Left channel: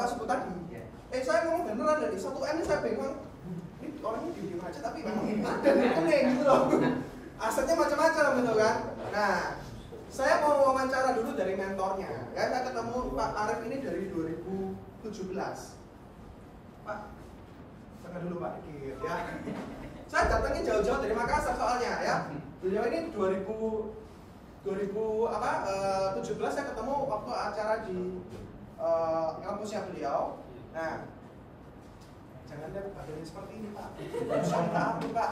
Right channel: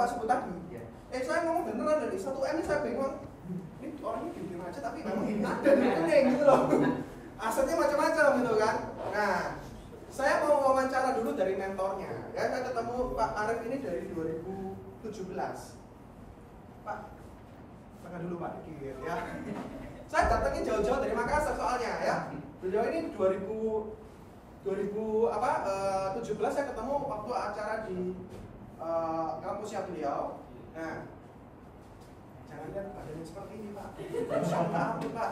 Pak sebut tadi. Saya ngomong beneran dari 1M ini saya bingung. Ini orangnya diem aja tapi memang ada di rekening gitu loh. Asetnya macam-macam gitu kan. Nah, saya mau wawancara dulu dari mentornya. Ya, saya ketemu Pak Arif ini dari 2017. Pak, tengah dulu Pak dikit ya. Saya datangin jauh-jauh dari Makassar soalnya ya. Beliau ini 2017 saya ketemu waktu acara di kampusnya beliau. Nah, jangan lihat badannya seperti ini Pak. Pak.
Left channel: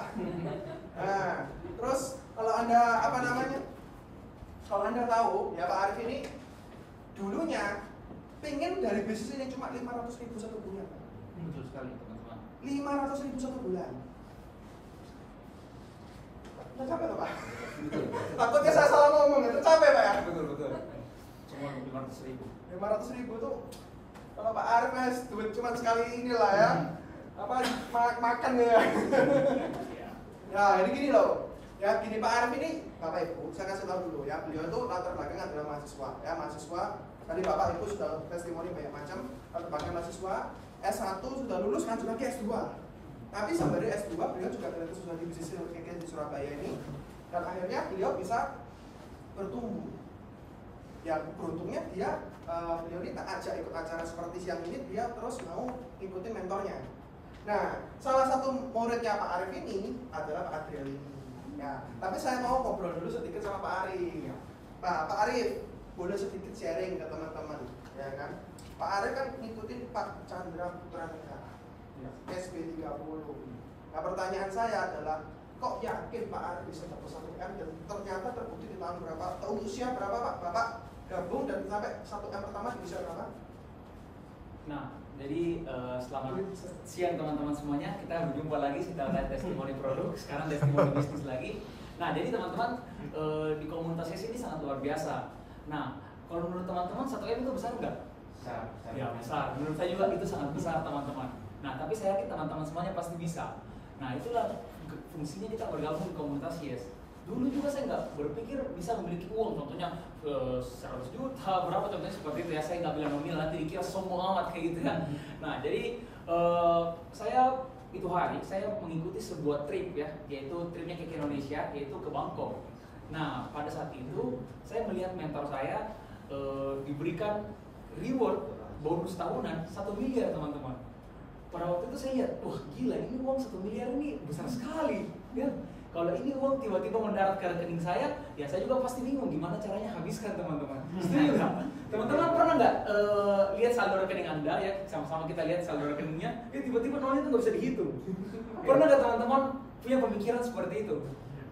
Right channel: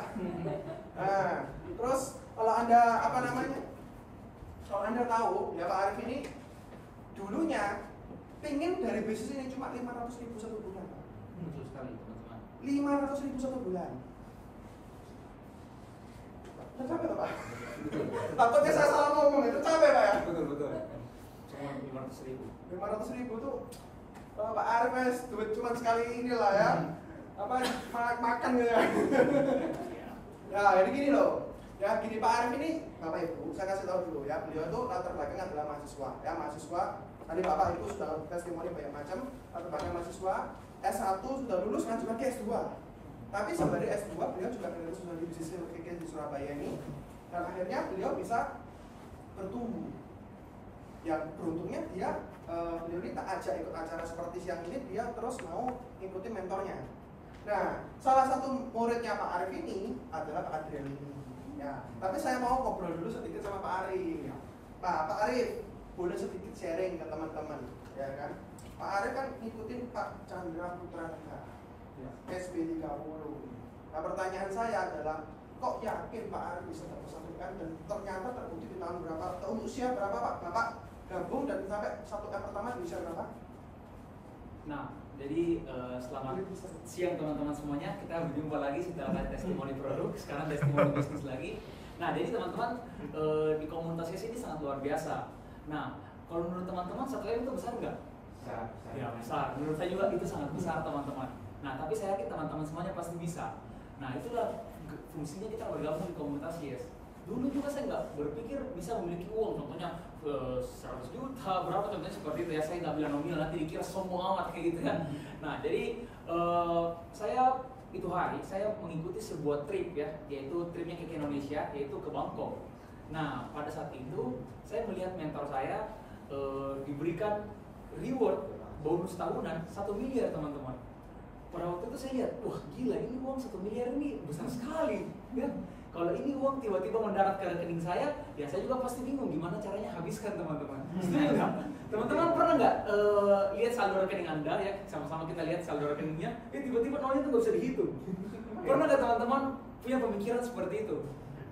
Nah, terus kalau Anda kalau Anda tahu ya Pak Arif ini dulunya pingin dari bisnis ini cuma 500.000 satu bulan Pak. Betul sekali teman-teman. 500.000 satu bulan. Udah capek loh Pak. Takutnya saya salah ngomong, itu capek Pak ya? Betul. Cuma 500.000. 500.000 tuh kalau Pak Arif mas duit cuma sekali inilah ya. Makan gitu ya. Ya, jadi gini loh. Ya, gini Pak Arif ini Bapak Ibu, saya kasih tahu dulu ya. Beliau itu latar belakang adalah mahasiswa. Ya, mahasiswa. Tadi Bapak Ibu sudah testimoni banyak macam. Latar belakang mahasiswa. S1 sudah lulus, lanjut lagi S2. Tapi sembari S2 beliau juga dari sudah di bisnis di Surabaya ini. Dan akhirnya beliau bisa bertumbuh. Ya, beruntungnya beliau ini tak ajak ikut acara seperti siang ini, dia terus mau ikutin mentornya. Nah, salah satu muridnya Pak Arif ini adalah Pak Adrian ini. Ya, tapi saya mau ngobrol dulu sedikit sama Pak Arif. Pak Arif, boleh sedikit sharing ke teman-teman, ya kan? Pak Arif kan ngikutin Pak Chandra Putra Negara, SB 30. Nah, pertanyaan saya adalah, kok yakin Pak Arif bisa mempersatukan dan ternyata terbukti di tahun berapa? Usia berapa Pak? Bapak gabung dan sampai 1M pertama di usia berapa? Nah, jadi selamat siang teman-teman semuanya. Kita berjumpa lagi setelah testimoni produk, sekarang testimoni bisnis lagi. Nah, jadi teman-teman di komunitas ini sangat luar biasa. Nah, kalau menurut teman-teman 1M itu besar nggak? Besar. Ya, besar. Menurut saya juga itu sangat besar teman-teman. Nah, tapi saya yakin teman-teman semuanya pasti bisa. Nah, itulah fungsinya kita bergabung di komunitas Yes. Dulu juga saya nggak berpikir bisa memiliki uang, contohnya 100 juta, berapa contohnya seperti itu ya. Saya nggak bilang nominal, nanti dikira sombong amat kayak gitu kan. Nah, jadi saya itu hari saya mengikuti sebuah trip ya, yaitu tripnya ke Indonesia, yaitu ke Bangkok. Nah, pada saat itu saya melihat mentor saya diberikan reward bonus tahunan 1 miliar teman-teman. Pada waktu itu saya lihat, wah gila, ini uang 1 miliar ini besar sekali ya. Kalau ini uang tiba-tiba mendarat ke rekening saya, ya saya juga pasti bingung gimana caranya habiskan teman-teman. Setuju nggak? Teman-teman pernah nggak lihat saldo rekening Anda ya, sama-sama kita lihat saldo rekeningnya, tiba-tiba nolnya itu nggak bisa dihitung. Pernah nggak teman-teman punya pemikiran seperti itu?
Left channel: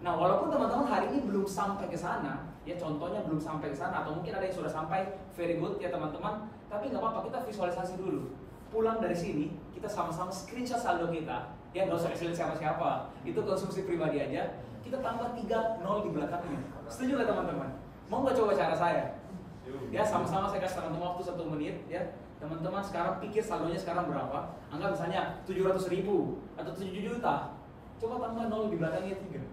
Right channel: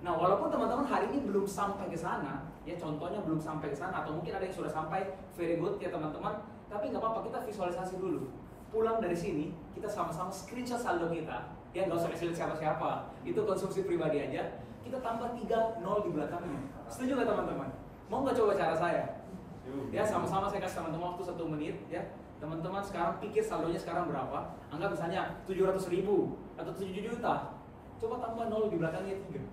Nah, walaupun teman-teman hari ini belum sampai ke sana, ya contohnya belum sampai ke sana, atau mungkin ada yang sudah sampai, very good ya teman-teman, tapi nggak apa-apa, kita visualisasi dulu. Pulang dari sini, kita sama-sama screenshot saldo kita, ya nggak usah kasih lihat siapa-siapa, itu konsumsi pribadi aja, kita tambah 3 nol di belakangnya. Setuju nggak teman-teman? Mau nggak coba cara saya? Ya, sama-sama saya kasih teman-teman waktu 1 menit, ya. Teman-teman sekarang pikir saldonya sekarang berapa, anggap misalnya 700.000 atau 7 juta, coba tambah nol di belakangnya 3.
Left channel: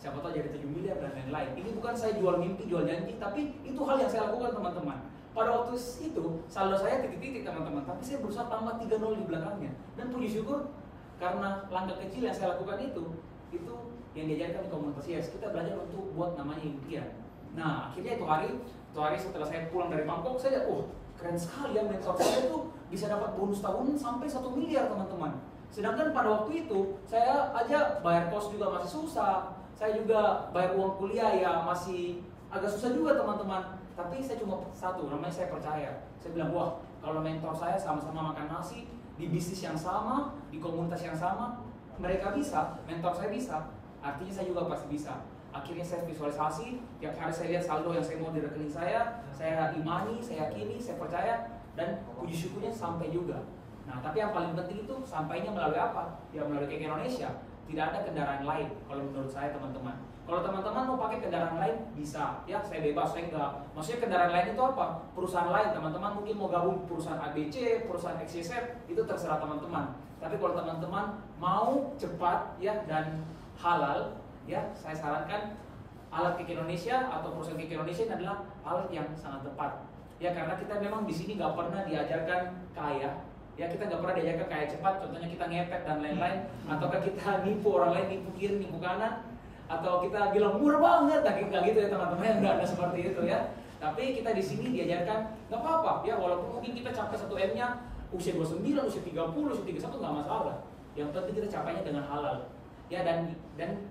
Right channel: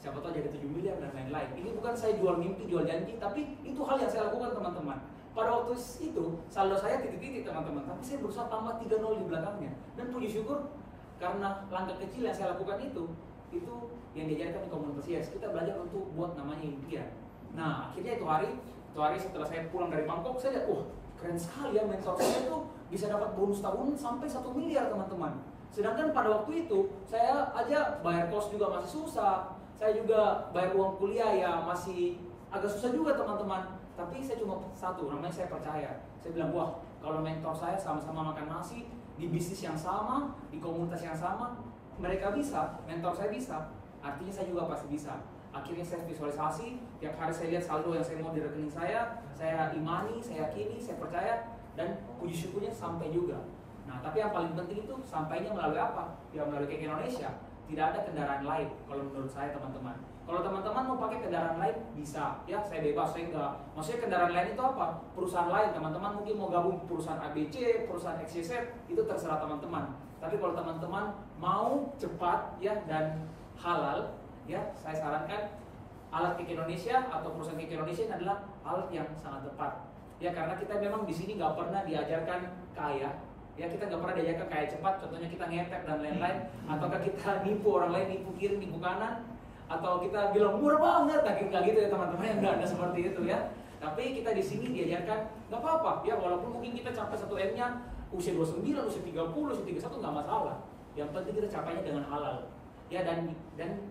Siapa tahu jadi 7 miliar dan lain-lain. Ini bukan saya jual mimpi, jual janji, tapi itu hal yang saya lakukan teman-teman. Pada waktu itu, saldo saya titik-titik teman-teman, tapi saya berusaha tambah 3 nol di belakangnya. Dan puji syukur, karena langkah kecil yang saya lakukan itu yang diajarkan di komunitas Yes. Kita belajar untuk buat namanya impian. Nah, akhirnya itu hari setelah saya pulang dari Bangkok, saya lihat, keren sekali ya, mentor saya itu bisa dapat bonus tahunan sampai 1 miliar teman-teman. Sedangkan pada waktu itu, saya aja bayar kos juga masih susah. Saya juga bayar uang kuliah ya masih agak susah juga teman-teman. Tapi saya cuma satu, namanya saya percaya. Saya bilang, wah kalau mentor saya sama-sama makan nasi, di bisnis yang sama, di komunitas yang sama, mereka bisa, mentor saya bisa, artinya saya juga pasti bisa. Akhirnya saya visualisasi, tiap hari saya lihat saldo yang saya mau di rekening saya imani, saya yakini, saya percaya, dan puji syukurnya sampai juga. Nah, tapi yang paling penting itu sampainya melalui apa? Ya melalui ke Indonesia. Tidak ada kendaraan lain kalau menurut saya teman-teman. Kalau teman-teman mau pakai kendaraan lain bisa, ya saya bebas, saya enggak. Maksudnya kendaraan lain itu apa? Perusahaan lain, teman-teman mungkin mau gabung perusahaan ABC, perusahaan XYZ, itu terserah teman-teman. Tapi kalau teman-teman mau cepat ya dan halal, ya saya sarankan alat Kik Indonesia atau perusahaan Kik Indonesia ini adalah alat yang sangat tepat. Ya karena kita memang di sini nggak pernah diajarkan kaya, ya kita nggak pernah diajarkan kaya cepat. Contohnya kita ngepet dan lain-lain, ataukah kita nipu orang lain, nipu kiri, nipu kanan, atau kita bilang murah banget, nggak gitu ya teman-teman, yang nggak ada seperti itu ya. Tapi kita di sini diajarkan nggak apa-apa, ya walaupun mungkin kita capai 1M-nya usia 29, usia 30, usia 31 nggak masalah. Yang penting kita capainya dengan halal, ya dan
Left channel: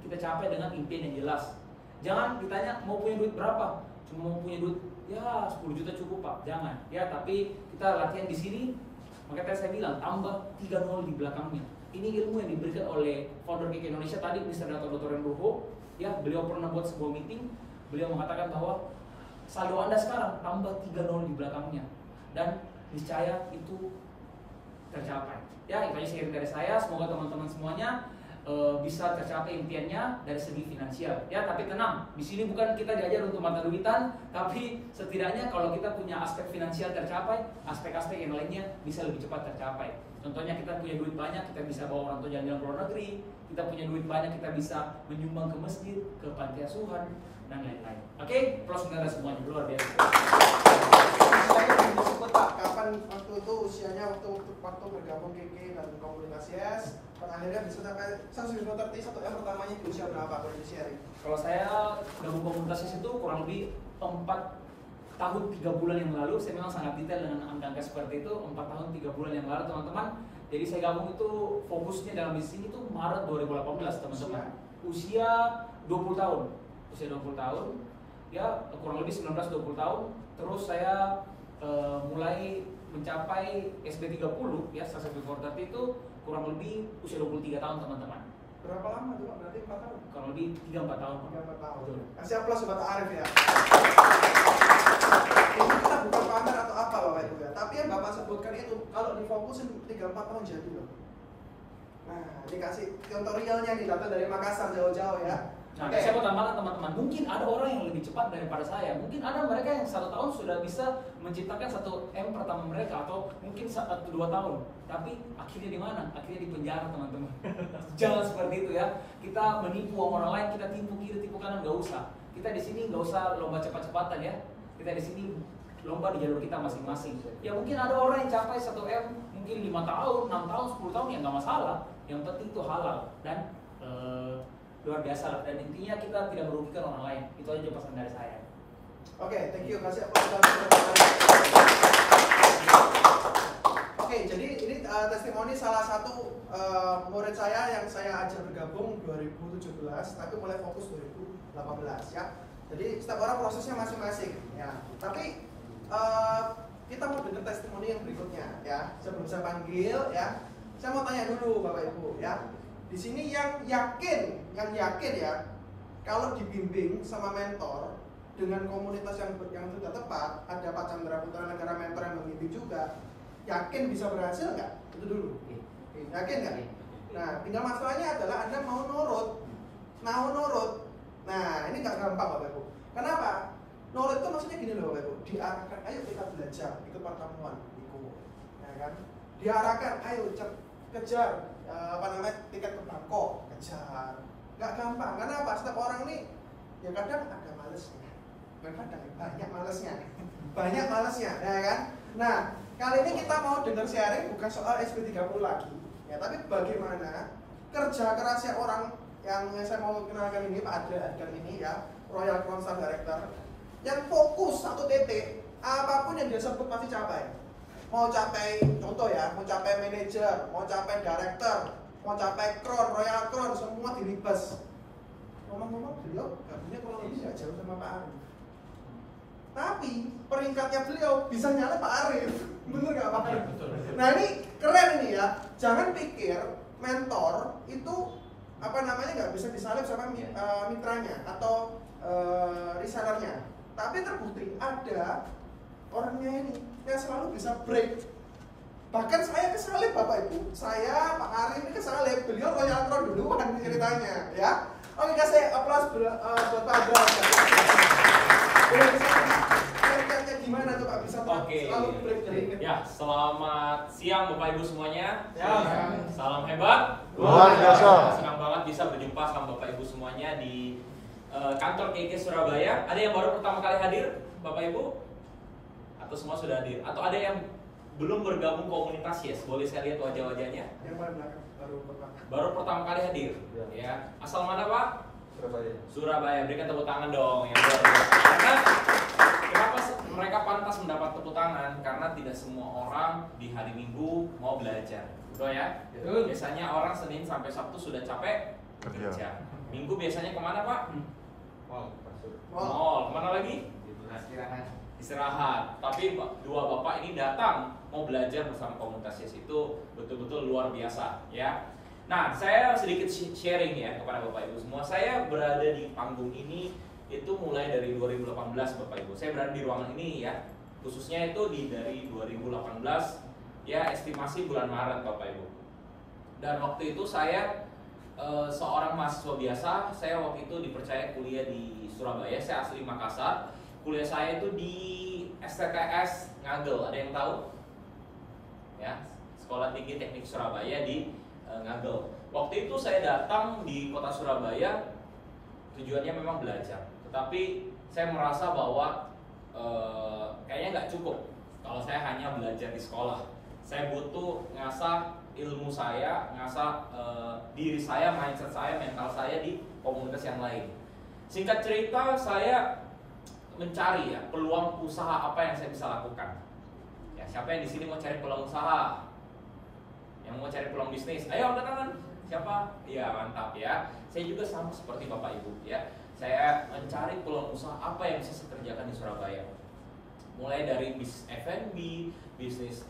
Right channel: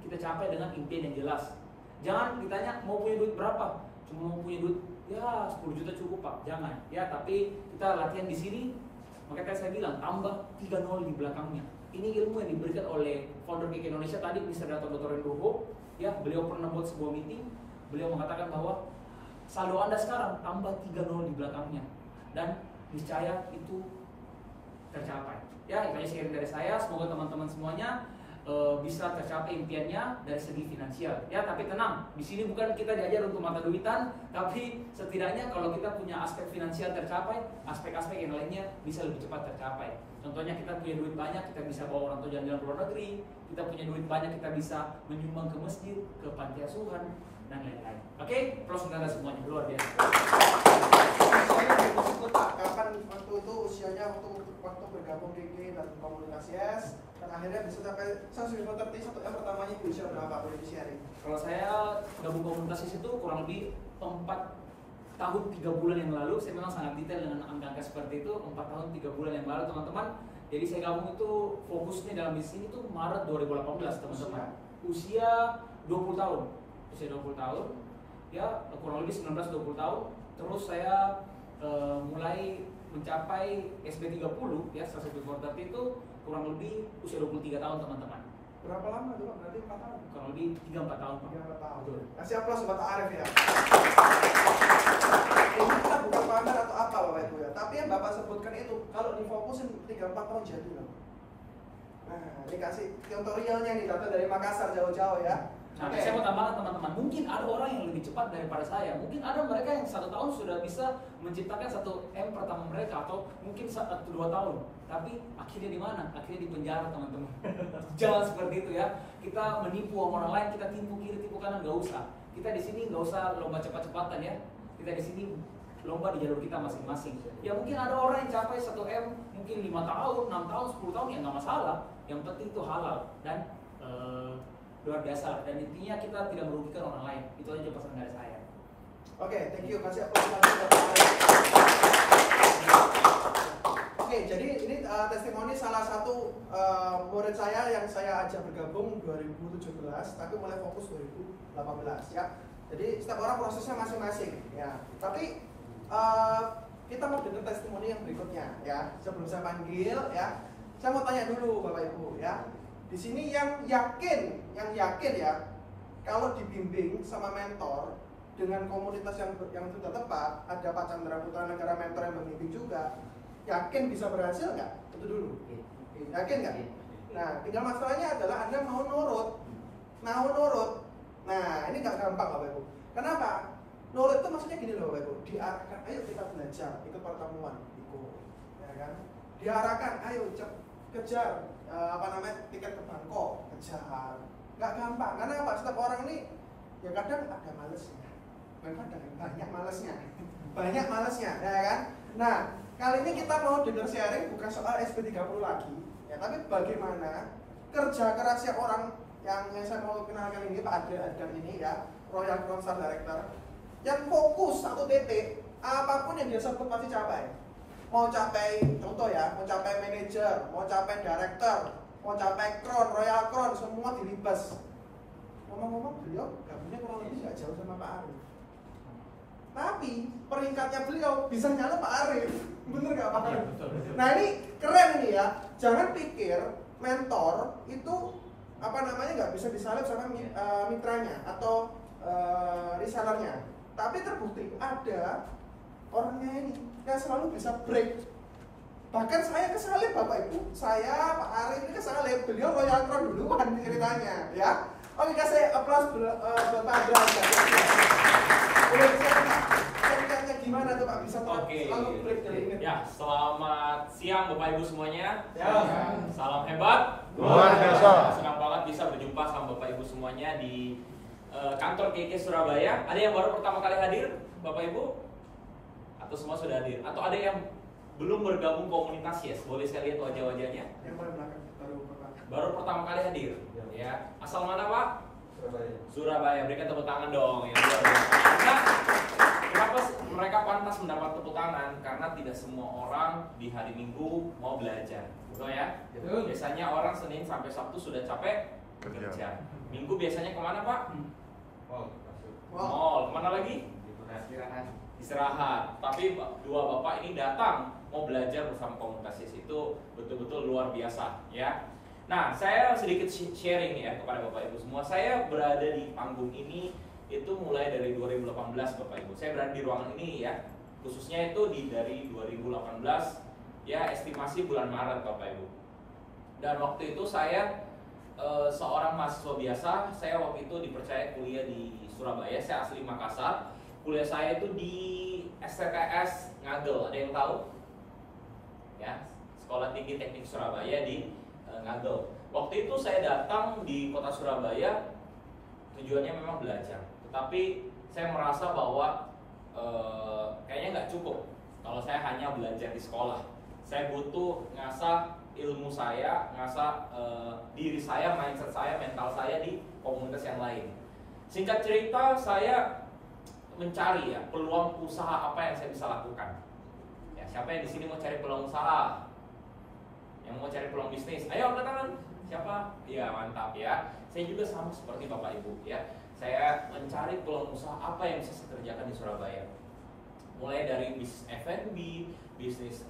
kita capai dengan impian yang jelas. Jangan ditanya mau punya duit berapa, cuma mau punya duit ya 10 juta cukup Pak, jangan. Ya tapi kita latihan di sini, makanya saya bilang tambah 3 di belakangnya. Ini ilmu yang diberikan oleh founder KK Indonesia tadi, Mr. Dr. Nugroho. Ya beliau pernah buat sebuah meeting, beliau mengatakan bahwa saldo Anda sekarang tambah 3 di belakangnya dan niscaya itu tercapai. Ya itu aja sharing dari saya. Semoga teman-teman semuanya bisa tercapai impiannya dari segi finansial. Ya tapi tenang, di sini bukan kita diajar untuk mata duitan, tapi setidaknya kalau kita punya aspek finansial tercapai, aspek-aspek yang lainnya bisa lebih cepat tercapai. Contohnya kita punya duit banyak, kita bisa bawa orang tua jalan-jalan ke luar negeri. Kita punya duit banyak, kita bisa menyumbang ke masjid, ke panti asuhan dan lain-lain. Oke, plus saudara semuanya luar biasa. Usianya belum disebut Pak, kapan waktu itu usianya waktu bergabung KK dan komunitas YES, dan akhirnya disebut sampai saya sudah ngerti yang pertamanya di usia berapa boleh di sharing? Kalau saya gabung komunitas YES itu kurang lebih 4 tahun 3 bulan yang lalu. Saya memang sangat detail dengan angka-angka seperti itu. 4 tahun 3 bulan yang lalu teman-teman. Jadi saya gabung itu fokusnya dalam bisnis ini tuh Maret 2018 teman-teman. Usia 20 tahun. Usia 20 tahun. Ya kurang lebih 19-20 tahun. Terus saya mulai mencapai SB 30 ya, Success Before 30 itu kurang lebih usia 23 tahun teman-teman. Berapa lama tuh Pak? Berarti 4 tahun? Kurang lebih 3-4 tahun. 3-4 tahun. Betul. Kasih aplaus buat Arif ya. Ini kita bukan pamer atau apa Bapak Ibu ya, tapi yang Bapak sebutkan itu kalau difokusin 3-4 tahun jadi loh. Nah, ini kasih tutorialnya nih, datang dari Makassar jauh-jauh ya. Nah, saya mau tambahkan teman-teman, mungkin ada orang yang lebih cepat daripada saya. Mungkin ada mereka yang 1 tahun sudah bisa menciptakan 1M pertama mereka, atau mungkin 1-2 tahun. Tapi akhirnya di mana? Akhirnya di penjara teman-teman. Jangan seperti itu ya. Kita menipu orang lain, kita tipu kiri, tipu kanan, nggak usah. Kita di sini nggak usah lomba cepat-cepatan ya. Kita di sini lomba di jalur kita masing-masing. Ya mungkin ada orang yang capai 1M mungkin 5 tahun, 6 tahun, 10 tahun ya nggak masalah. Yang penting itu halal dan luar biasa lah. Dan intinya kita tidak merugikan orang lain. Itu aja pesan dari saya. Oke, thank you. Kasih aplaus. Oke, jadi ini testimoni salah satu murid saya yang saya ajak bergabung 2017, tapi mulai fokus 2018 ya. Jadi setiap orang prosesnya masing-masing ya. Tapi kita mau dengar testimoni yang berikutnya ya. Sebelum saya panggil ya, saya mau tanya dulu Bapak Ibu ya. Di sini yang yakin ya, kalau dibimbing sama mentor dengan komunitas yang sudah tepat, ada Pak Chandra Putra Negara mentor yang membimbing juga, yakin bisa berhasil nggak? Itu dulu. Yakin nggak? Nah, tinggal masalahnya adalah Anda mau nurut. Nah, ini nggak gampang Bapak Ibu. Kenapa? Nurut itu maksudnya gini loh Bapak Ibu. Diarahkan, ayo kita belajar, ikut pertemuan, ikut, ya kan? Diarahkan, ayo kejar tiket ke Bangkok, kejar. Nggak gampang. Kenapa? Setiap orang ini ya kadang ada malesnya, banyak malesnya, ya kan? Nah, kali ini kita mau dengar sharing bukan soal SP30 lagi, ya, tapi bagaimana kerja kerasnya orang yang saya mau kenalkan ini, Pak Adrian ini ya, Royal Crown Star Director, yang fokus satu titik, apapun yang dia sebut pasti capai. Mau capai, contoh ya, mau capai manajer, mau capai director, mau capai crown, Royal Crown, semua dilibas. Ngomong-ngomong beliau gabungnya kurang lebih nggak jauh sama Pak Arif. Tapi peringkatnya beliau bisa nyala Pak Arif. Bener nggak Pak Arif? Nah ini keren ini ya. Jangan pikir mentor itu nggak bisa disalib sama mitranya atau resellernya. Tapi terbukti ada orangnya ini yang selalu bisa break. Bahkan saya kesalip Bapak Ibu. Saya Pak Arif ini kesalip. Beliau Royal Crown duluan ceritanya ya. Oke, kasih aplaus buat Pak Adrian. Boleh bisa ceritanya gimana tuh Pak bisa selalu break dari ini? Ya, selamat siang Bapak Ibu semuanya. Ya. Salam hebat. Luar biasa. Senang banget bisa berjumpa sama Bapak Ibu semuanya di kantor KK Surabaya. Ada yang baru pertama kali hadir, Bapak Ibu? Atau semua sudah hadir? Atau ada yang belum bergabung komunitas Yes? Boleh saya lihat wajah-wajahnya? Yang paling belakang Baru pertama kali hadir. Ya. Asal mana Pak? Surabaya. Surabaya. Berikan tepuk tangan dong. Yang luar biasa. Karena kenapa mereka pantas mendapat tepuk tangan? Karena tidak semua orang di hari Minggu mau belajar. Betul ya? Betul. Biasanya orang Senin sampai Sabtu sudah capek kerja. Minggu biasanya kemana Pak? Mall, masuk. Mall. Kemana lagi? Istirahat. Istirahat. Tapi dua bapak ini datang mau belajar bersama komunitas Yes. Itu betul-betul luar biasa ya. Nah, saya sedikit sharing ya kepada Bapak Ibu semua. Saya berada di panggung ini itu mulai dari 2018 Bapak Ibu. Saya berada di ruangan ini ya. Khususnya itu dari 2018 ya, estimasi bulan Maret Bapak Ibu. Dan waktu itu saya seorang mahasiswa biasa. Saya waktu itu dipercaya kuliah di Surabaya. Saya asli Makassar. Kuliah saya itu di STTS Ngagel. Ada yang tahu? Ya, Sekolah Tinggi Teknik Surabaya di Ngagel. Waktu itu saya datang di kota Surabaya tujuannya memang belajar, tetapi saya merasa bahwa kayaknya nggak cukup kalau saya hanya belajar di sekolah. Saya butuh ngasah ilmu saya, ngasah diri saya, mindset saya, mental saya di komunitas yang lain. Singkat cerita, saya mencari ya peluang usaha apa yang saya bisa lakukan. Ya, siapa yang di sini mau cari peluang usaha? Yang mau cari peluang bisnis, ayo angkat tangan. Siapa? Ya, mantap ya. Saya juga sama seperti Bapak Ibu ya. Saya mencari peluang usaha apa yang bisa saya kerjakan di Surabaya. Mulai dari bisnis F&B, bisnis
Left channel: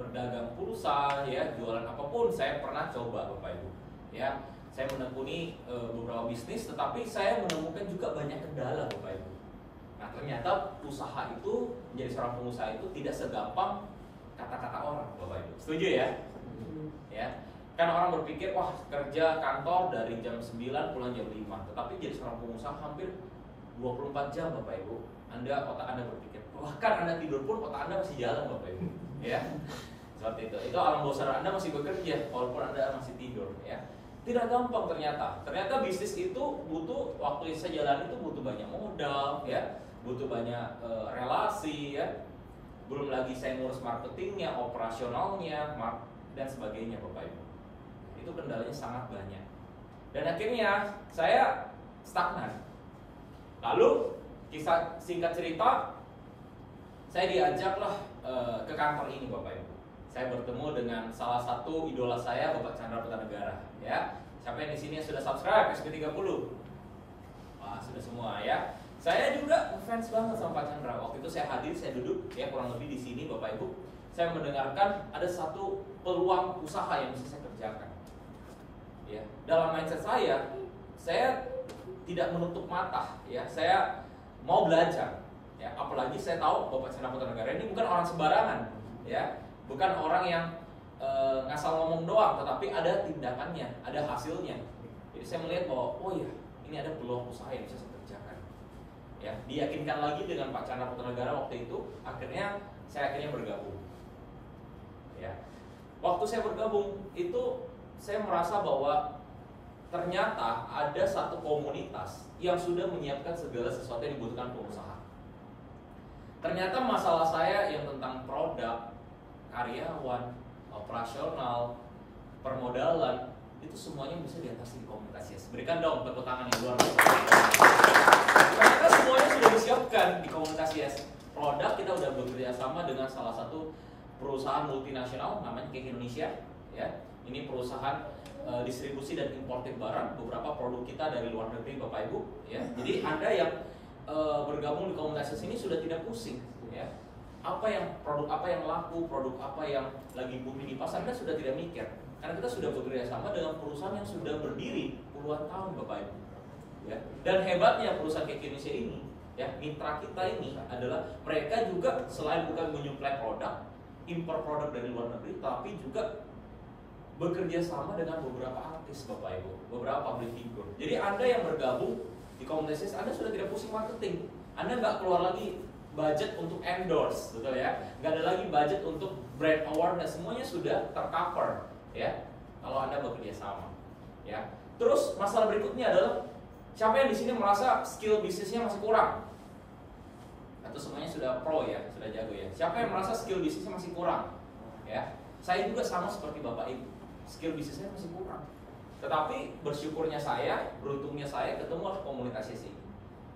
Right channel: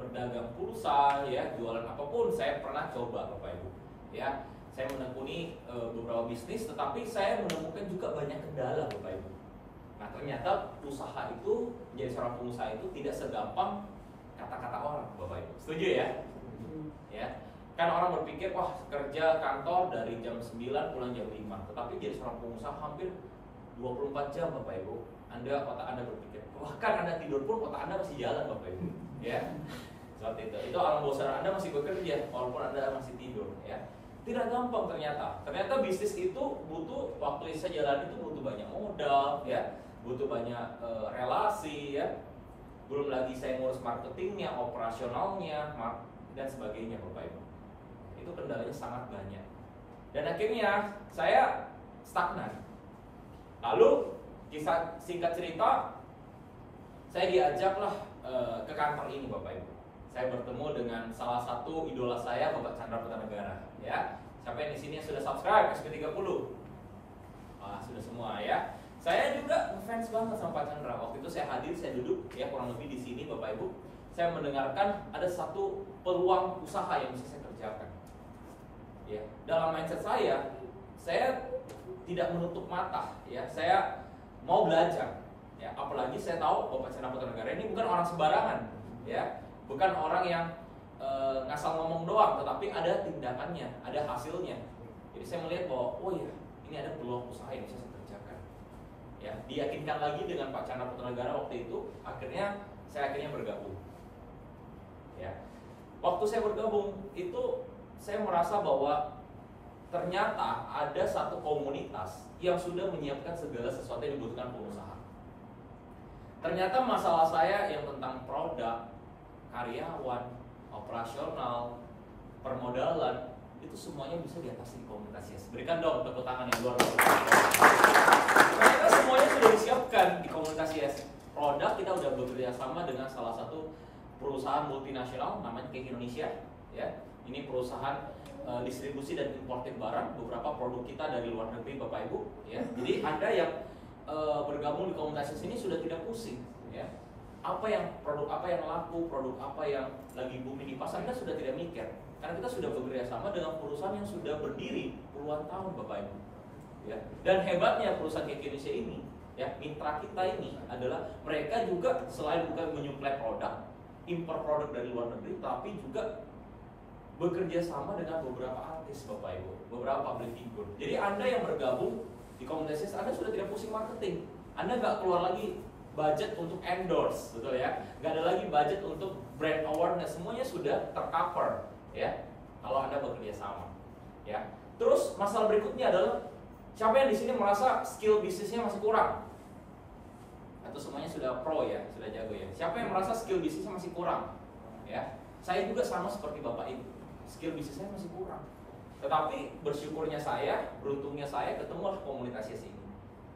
berdagang pulsa ya, jualan apapun saya pernah coba Bapak Ibu. Ya, saya menekuni beberapa bisnis, tetapi saya menemukan juga banyak kendala Bapak Ibu. Nah, ternyata usaha itu, menjadi seorang pengusaha itu tidak segampang kata-kata orang Bapak Ibu. Setuju ya? Ya. Kan orang berpikir, wah kerja kantor dari jam 9 pulang jam 5. Tetapi jadi seorang pengusaha hampir 24 jam Bapak Ibu. Otak Anda berpikir, bahkan Anda tidur pun otak Anda masih jalan Bapak Ibu. Ya. Seperti itu. Itu alam bawah sadar Anda masih bekerja walaupun Anda masih tidur ya. Tidak gampang ternyata. Ternyata bisnis itu butuh, waktu saya jalan itu butuh banyak modal ya, butuh banyak relasi ya. Belum lagi saya ngurus marketingnya, operasionalnya, dan sebagainya Bapak Ibu. Itu kendalanya sangat banyak. Dan akhirnya saya stagnan. Lalu kisah singkat cerita, saya diajaklah ke kantor ini Bapak Ibu. Saya bertemu dengan salah satu idola saya, Bapak Chandra Putanegara ya. Siapa yang di sini yang sudah subscribe SP30? Wah, sudah semua ya. Saya juga fans banget sama Pak Chandra. Waktu itu saya hadir, saya duduk ya kurang lebih di sini Bapak Ibu. Saya mendengarkan ada satu peluang usaha yang bisa saya kerjakan. Ya, dalam mindset saya tidak menutup mata ya. Saya mau belajar. Ya, apalagi saya tahu Bapak Chandra Putanegara ini bukan orang sembarangan ya. Bukan orang yang ngasal ngomong doang, tetapi ada tindakannya, ada hasilnya. Jadi saya melihat bahwa oh ya, ini ada peluang usaha yang bisa saya kerjakan. Ya, diyakinkan lagi dengan Pak Chandra Putanegara waktu itu, saya akhirnya bergabung. Ya, waktu saya bergabung itu saya merasa bahwa ternyata ada satu komunitas yang sudah menyiapkan segala sesuatu yang dibutuhkan pengusaha. Ternyata masalah saya yang tentang produk, karyawan, operasional, permodalan, itu semuanya bisa diatasi di komunitas Yes. Berikan dong tepuk tangan yang luar biasa. Ternyata semuanya sudah disiapkan di komunitas Yes. Produk kita udah bekerja sama dengan salah satu perusahaan multinasional namanya Cake Indonesia ya. Ini perusahaan distribusi dan importir barang, beberapa produk kita dari luar negeri Bapak Ibu ya. Jadi Anda yang bergabung di komunitas Yes ini sudah tidak pusing ya. Produk apa yang laku, produk apa yang lagi booming di pasar, kita sudah tidak mikir. Karena kita sudah bekerja sama dengan perusahaan yang sudah berdiri puluhan tahun Bapak Ibu. Ya. Dan hebatnya perusahaan Cake Indonesia ini, ya, mitra kita ini adalah mereka juga selain bukan menyuplai produk, impor produk dari luar negeri, tapi juga bekerja sama dengan beberapa artis Bapak Ibu, beberapa public figure. Jadi Anda yang bergabung di komunitas Anda sudah tidak pusing marketing. Anda nggak keluar lagi budget untuk endorse, betul ya? Nggak ada lagi budget untuk brand awareness, semuanya sudah tercover, ya. Kalau Anda bekerja sama, ya. Terus masalah berikutnya adalah siapa yang di sini merasa skill bisnisnya masih kurang? atau semuanya sudah pro ya, sudah jago ya. Siapa yang merasa skill bisnisnya masih kurang? Ya, saya juga sama seperti Bapak Ibu, skill bisnisnya masih kurang. Tetapi bersyukurnya saya, beruntungnya saya ketemu komunitas ini.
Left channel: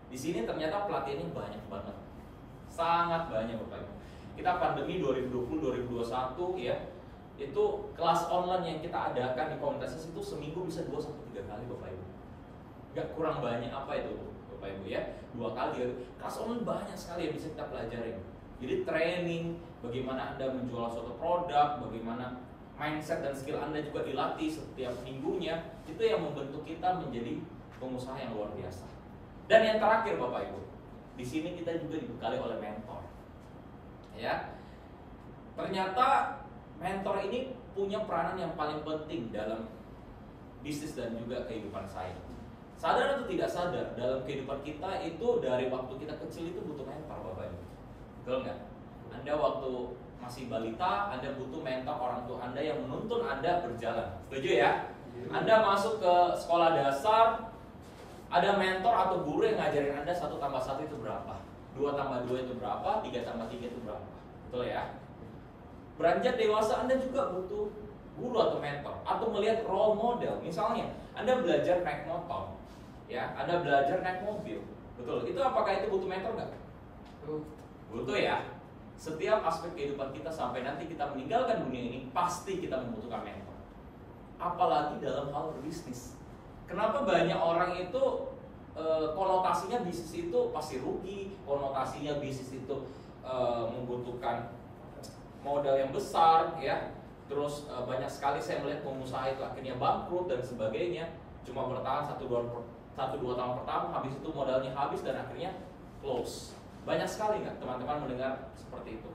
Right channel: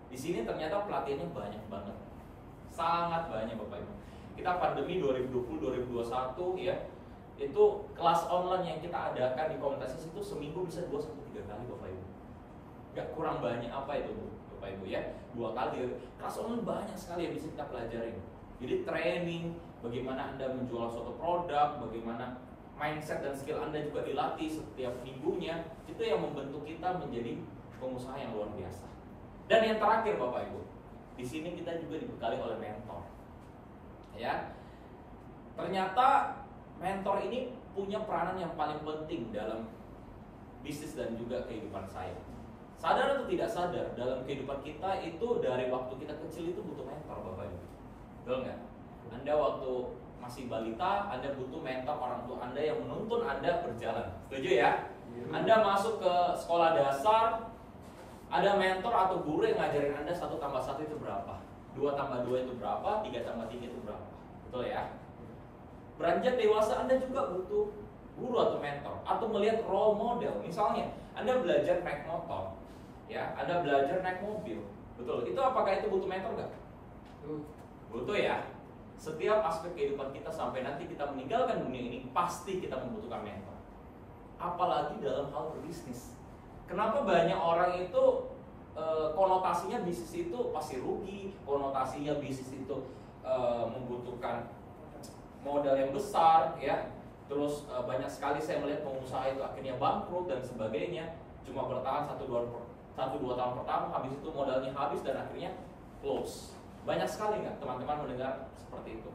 Di sini ternyata pelatihannya banyak banget, sangat banyak Bapak Ibu. Kita pandemi 2020-2021 ya, itu kelas online yang kita adakan di komunitas itu seminggu bisa 2-3 kali Bapak Ibu. Gak kurang banyak apa itu Bapak Ibu ya, 2 kali. Kelas online banyak sekali yang bisa kita pelajarin. Jadi training, bagaimana Anda menjual suatu produk, bagaimana mindset dan skill Anda juga dilatih setiap minggunya. Itu yang membentuk kita menjadi pengusaha yang luar biasa. Dan yang terakhir Bapak Ibu, di sini kita juga dibekali oleh mentor. Ya, ternyata mentor ini punya peranan yang paling penting dalam bisnis dan juga kehidupan saya. Sadar atau tidak sadar, dalam kehidupan kita itu dari waktu kita kecil itu butuh mentor Bapak Ibu. Betul nggak? Anda waktu masih balita, Anda butuh mentor orang tua Anda yang menuntun Anda berjalan. Setuju ya? Anda masuk ke sekolah dasar, ada mentor atau guru yang ngajarin Anda 1 tambah 1 itu berapa, 2 tambah 2 itu berapa, 3 tambah 3 itu berapa. Betul ya? Beranjak dewasa Anda juga butuh guru atau mentor, atau melihat role model. Misalnya Anda belajar naik motor, ya, Anda belajar naik mobil. Betul, itu apakah itu butuh mentor nggak? Butuh ya. Setiap aspek kehidupan kita sampai nanti kita meninggalkan dunia ini, pasti kita membutuhkan mentor. Apalagi dalam hal berbisnis. Kenapa banyak orang itu konotasinya bisnis itu pasti rugi, konotasinya bisnis itu membutuhkan modal yang besar, ya. Terus banyak sekali saya melihat pengusaha itu akhirnya bangkrut dan sebagainya, cuma bertahan 1-2 tahun pertama, habis itu modalnya habis dan akhirnya close. Banyak sekali nggak teman-teman mendengar seperti itu?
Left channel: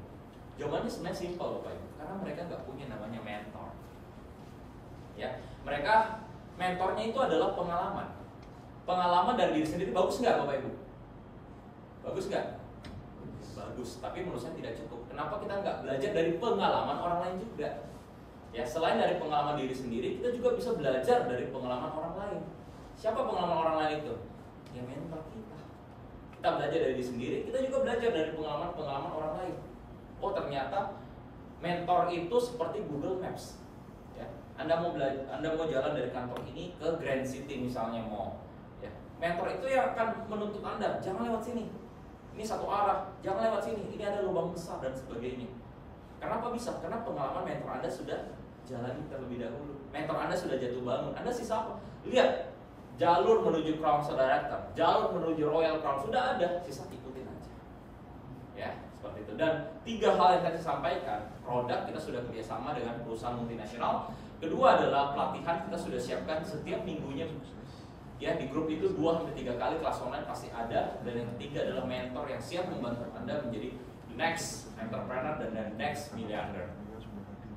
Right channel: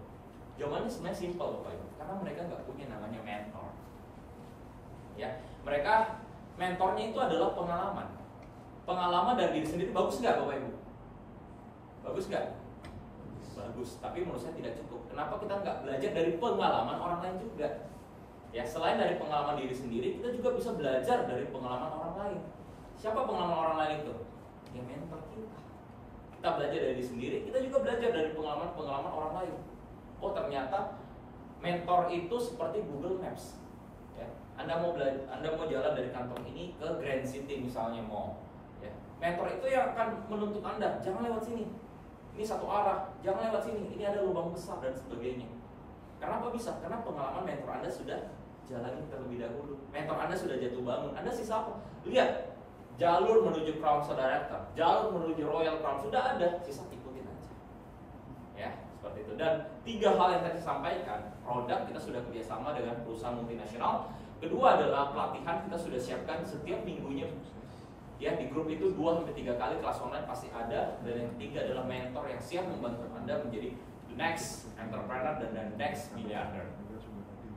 Jawabannya sebenarnya simpel Bapak Ibu, karena mereka nggak punya namanya mentor. Ya, mereka mentornya itu adalah pengalaman. Pengalaman dari diri sendiri bagus nggak Bapak Ibu? Bagus nggak? Bagus, tapi menurut saya tidak cukup. Kenapa kita nggak belajar dari pengalaman orang lain juga? Ya, selain dari pengalaman diri sendiri, kita juga bisa belajar dari pengalaman orang lain. Siapa pengalaman orang lain itu? Ya mentor kita. Kita belajar dari diri sendiri, kita juga belajar dari pengalaman orang lain. Oh ternyata mentor itu seperti Google Maps. Ya, Anda mau jalan dari kantor ini ke Grand City misalnya mau. Ya, mentor itu yang akan menuntut Anda, jangan lewat sini. Ini satu arah, jangan lewat sini. Ini ada lubang besar dan sebagainya. Kenapa bisa? Karena pengalaman mentor Anda sudah jalani terlebih dahulu. Mentor Anda sudah jatuh bangun. Anda sisa apa? Lihat, jalur menuju Crown Director, jalur menuju Royal Crown sudah ada, sisa ikutin aja. Ya, seperti itu. Dan 3 hal yang tadi saya sampaikan, produk kita sudah kerjasama dengan perusahaan multinasional. Kedua adalah pelatihan kita sudah siapkan setiap minggunya. Ya, di grup itu 2-3 kali kelas online pasti ada. Dan yang ketiga adalah mentor yang siap membantu Anda menjadi the next entrepreneur dan the next milliarder.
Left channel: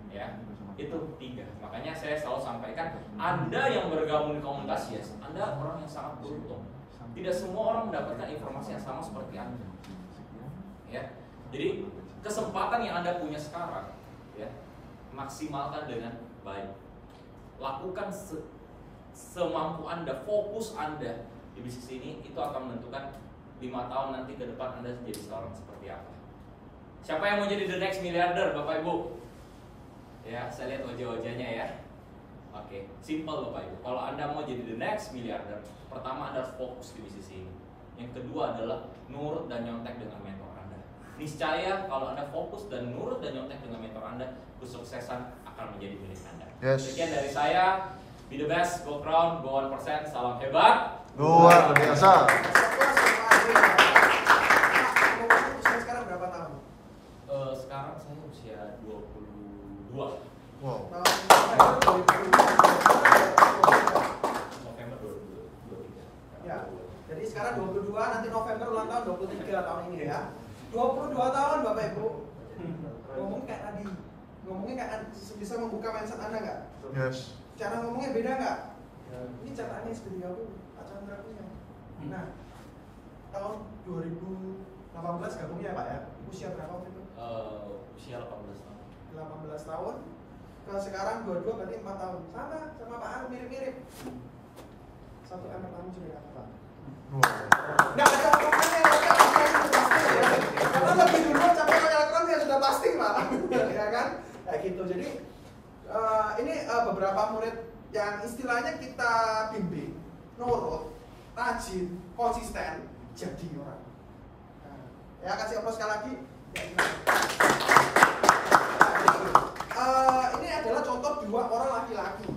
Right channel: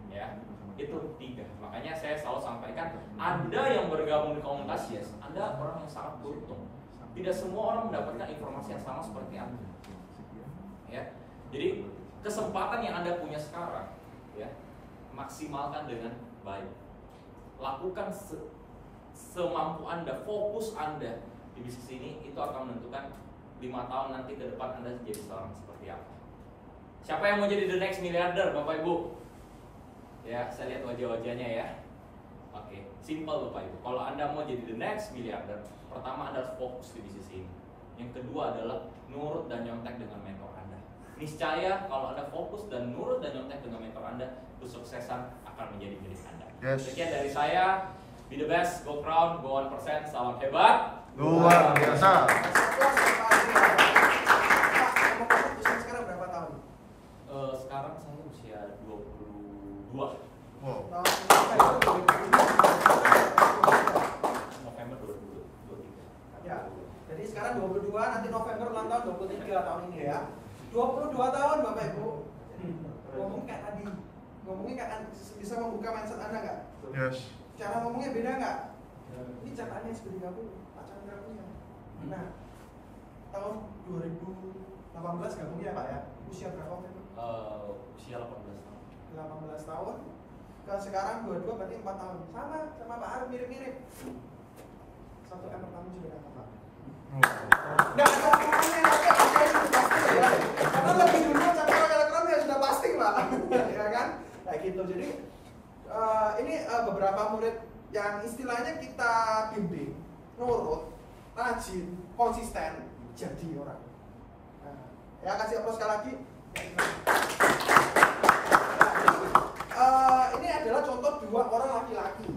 Ya, itu 3. Makanya saya selalu sampaikan, Anda yang bergabung di komunitas Yes, Anda orang yang sangat beruntung. Tidak semua orang mendapatkan informasi yang sama seperti Anda. Ya, jadi kesempatan yang Anda punya sekarang, ya, maksimalkan dengan baik. Lakukan semampu Anda, fokus Anda di bisnis ini, itu akan menentukan 5 tahun nanti ke depan Anda jadi seorang seperti apa. Siapa yang mau jadi the next milliarder, Bapak Ibu? Ya, saya lihat wajah-wajahnya ya. Oke, simple Bapak Ibu. Kalau Anda mau jadi the next milliarder, pertama Anda harus fokus di bisnis ini. Yang kedua adalah nurut dan nyontek dengan mentor Anda. Niscaya kalau Anda fokus dan nurut dan nyontek dengan mentor Anda, kesuksesan akan menjadi milik Anda. Yes. Sekian dari saya. Be the best, go Crown, go 1%, salam hebat. Luar biasa. Sekarang berapa tahun? Sekarang saya usia 22. Wow. November 2023. Ya, jadi sekarang 22, nanti November ulang tahun 23 tahun ini ya. 22 tahun Bapak Ibu. Ngomongnya kayak tadi. Ngomongnya kayak bisa membuka mindset Anda nggak? Yes. Cara ngomongnya beda nggak? Ini catatannya sudah digabung Pak Chandra punya. Nah, tahun 2018 gabungnya ya Pak ya? Usia berapa waktu itu? Usia 18 tahun. 18 tahun. Ke sekarang 22 berarti 4 tahun. Sama Pak Arif mirip-mirip. 1 M pertama sudah dapat Pak. Wow. Nggak ada apa-apa yang ada. Karena lebih dulu cabang elektron ya sudah pasti Pak. Ya kan? Kayak gitu. Jadi ini beberapa murid yang istilahnya kita bimbing, nurut, rajin, konsisten, jadi orang. Nah, ya kasih aplaus sekali lagi. Ini adalah contoh 2 orang laki-laki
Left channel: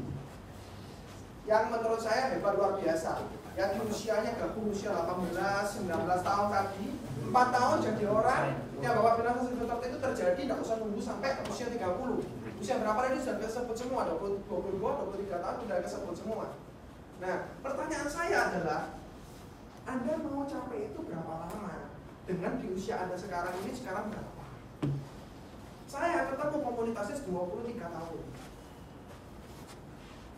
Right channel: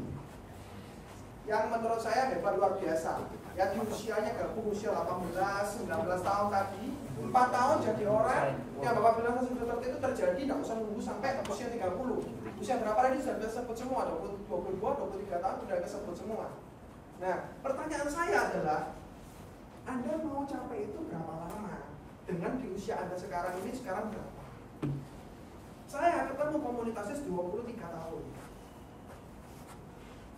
yang menurut saya hebat luar biasa. Ya di usianya gabung usia 18, 19 tahun tadi, 4 tahun jadi orang. Ya Bapak bilang seperti itu terjadi, tidak usah nunggu sampai usia 30. Usia berapa tadi sudah disebut semua, 22, 23 tahun sudah disebut semua. Nah, pertanyaan saya adalah, Anda mau capai itu berapa lama? Dengan di usia Anda sekarang ini, sekarang berapa? Saya ketemu komunitasnya 23 tahun.